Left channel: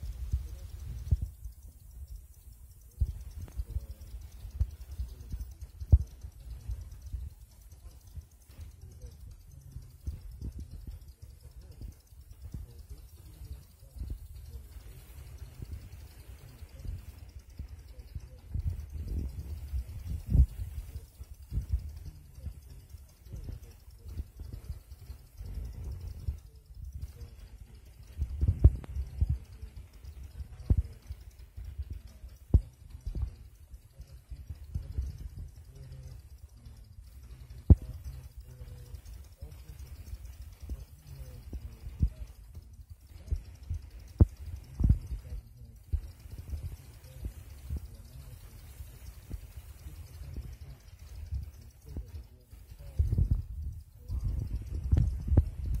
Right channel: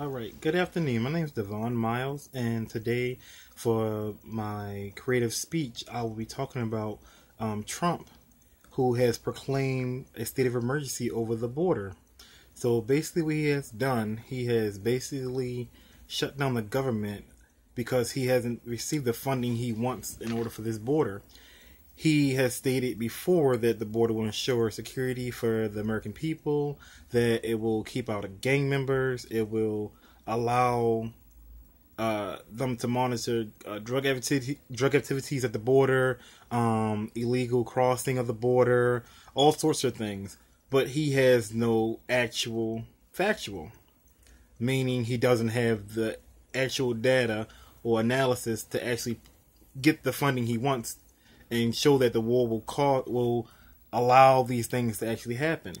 All right. Good afternoon. My name is Devon Miles, and today, for my creative speech, I will be talking about Trump, who has proclaimed a state of emergency over the border. So basically, what he has done, he has basically shut down the government because he hasn't received the funding he wants in order for this border. He has stated before that the border will ensure security for the American people, that it will keep out gang members, it will allow them to monitor drug activities at the border, illegal crossing of the border, all sorts of things. But he has no actual factual, meaning he doesn't have the actual data or analysis to actually get the funding he wants and show that the war will allow these things to actually happen.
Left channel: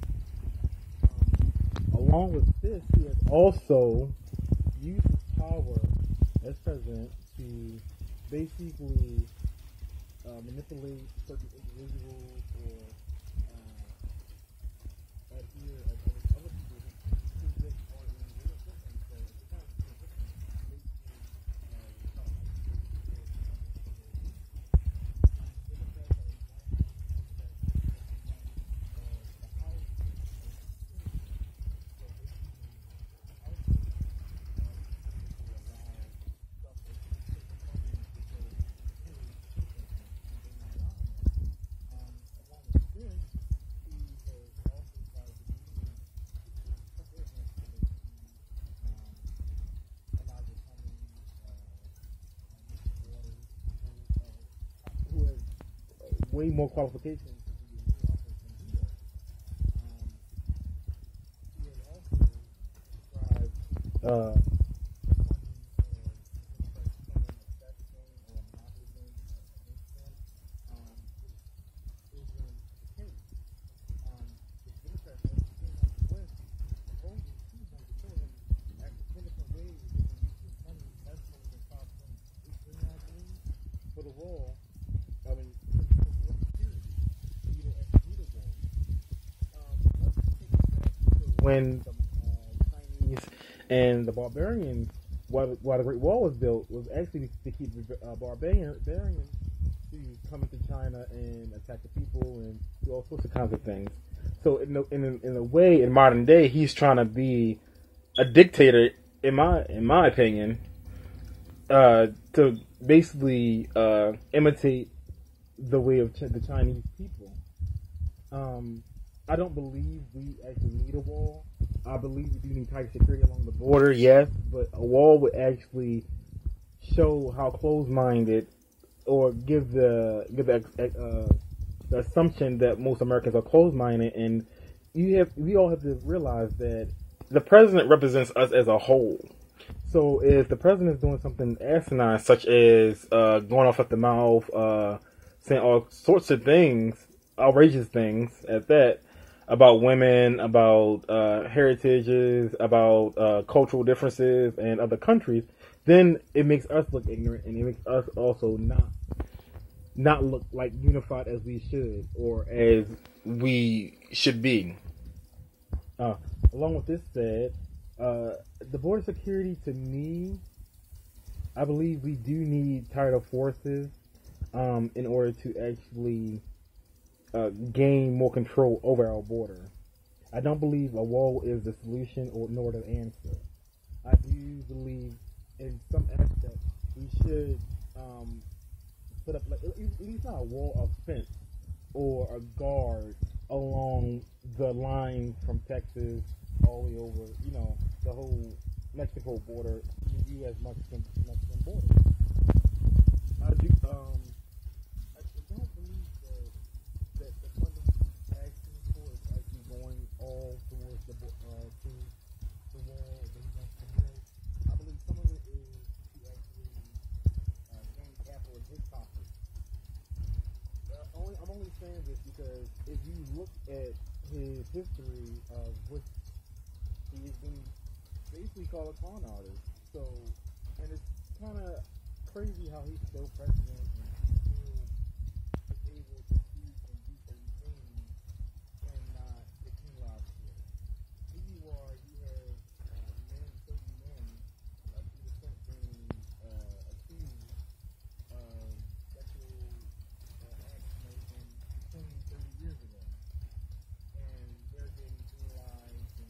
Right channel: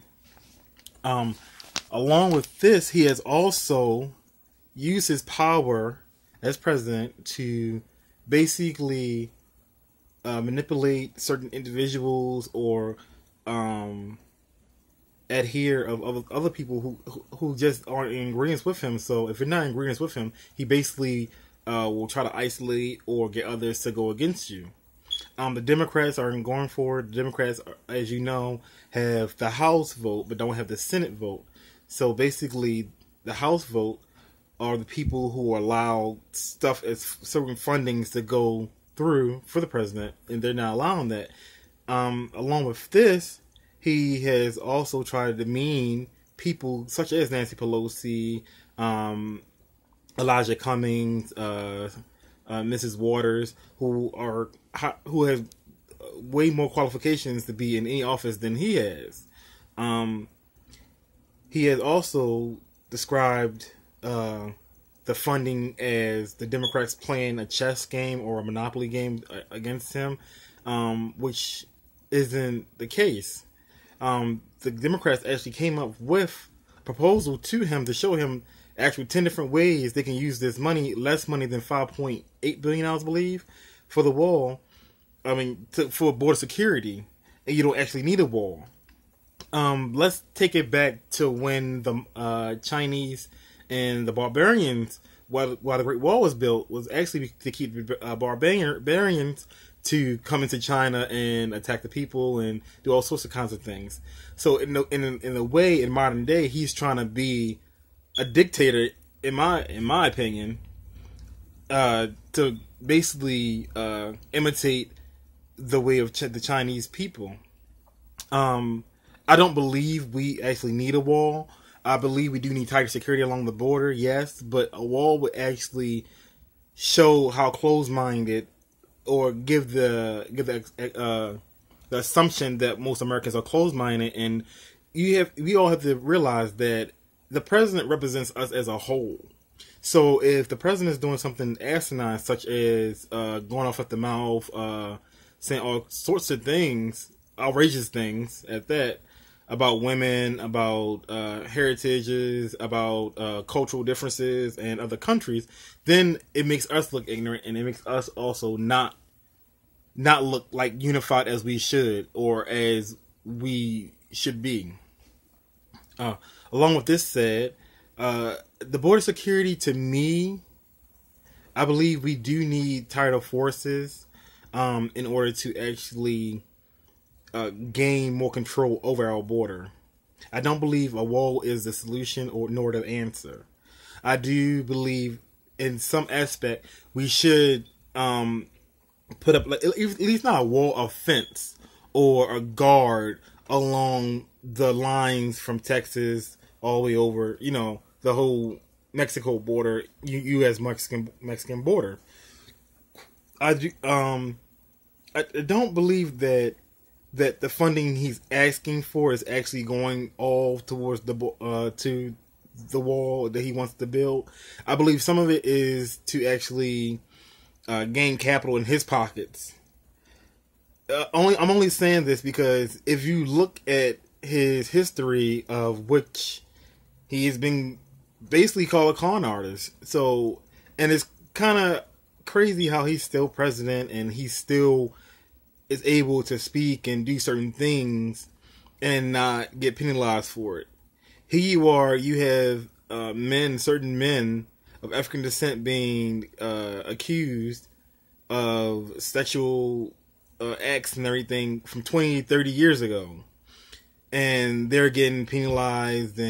Um, Along with this, he has also used his power as president to basically manipulate certain individuals or adhere of other people who just aren't in agreement with him. So if you're not in agreement with him, he basically will try to isolate or get others to go against you. The Democrats aren't going forward. The Democrats, as you know, have the House vote but don't have the Senate vote. So basically, the House vote are the people who allow stuff as certain fundings to go through for the president, and they're not allowing that. Along with this, he has also tried to demean people such as Nancy Pelosi, Elijah Cummings, Mrs. Waters, who have way more qualifications to be in any office than he has. He has also described the funding as the Democrats playing a chess game or a Monopoly game against him, which isn't the case. The Democrats actually came up with a proposal to him to show him actually 10 different ways they can use this money, less money than $5.8 billion, I believe, for the wall. For border security, and you don't actually need a wall. Let's take it back to when the Chinese and the barbarians, while the Great Wall was built, was actually to keep barbarians to come into China and attack the people and do all sorts of kinds of things. So in a way, in modern day, he's trying to be a dictator, in my opinion, to basically imitate the way of the Chinese people. I don't believe we actually need a wall. I believe we do need tighter security along the border, yes, but a wall would actually show how closed-minded, or give the assumption that most Americans are closed-minded, and we all have to realize that the president represents us as a whole. So if the president is doing something asinine, such as going off at the mouth, saying all sorts of things, outrageous things at that, about women, about heritages, about cultural differences and other countries, then it makes us look ignorant, and it makes us also not look like unified as we should, or as we should be. Along with this said, the border security, to me, I believe we do need tighter forces in order to actually gain more control over our border. I don't believe a wall is the solution nor the answer. I do believe in some aspect we should put up at least not a wall, a fence or a guard along the lines from Texas all the way over, the whole Mexico border, U.S. Mexican border. I don't believe that the funding he's asking for is actually going all towards to the wall that he wants to build. I believe some of it is to actually gain capital in his pockets. I'm only saying this because if you look at his history, of which he has been basically called a con artist. So, and it's kind of crazy how he's still president and he still is able to speak and do certain things and not get penalized for it. Here you are, you have certain men of African descent being accused of sexual acts and everything from 20, 30 years ago. And they're getting penalized and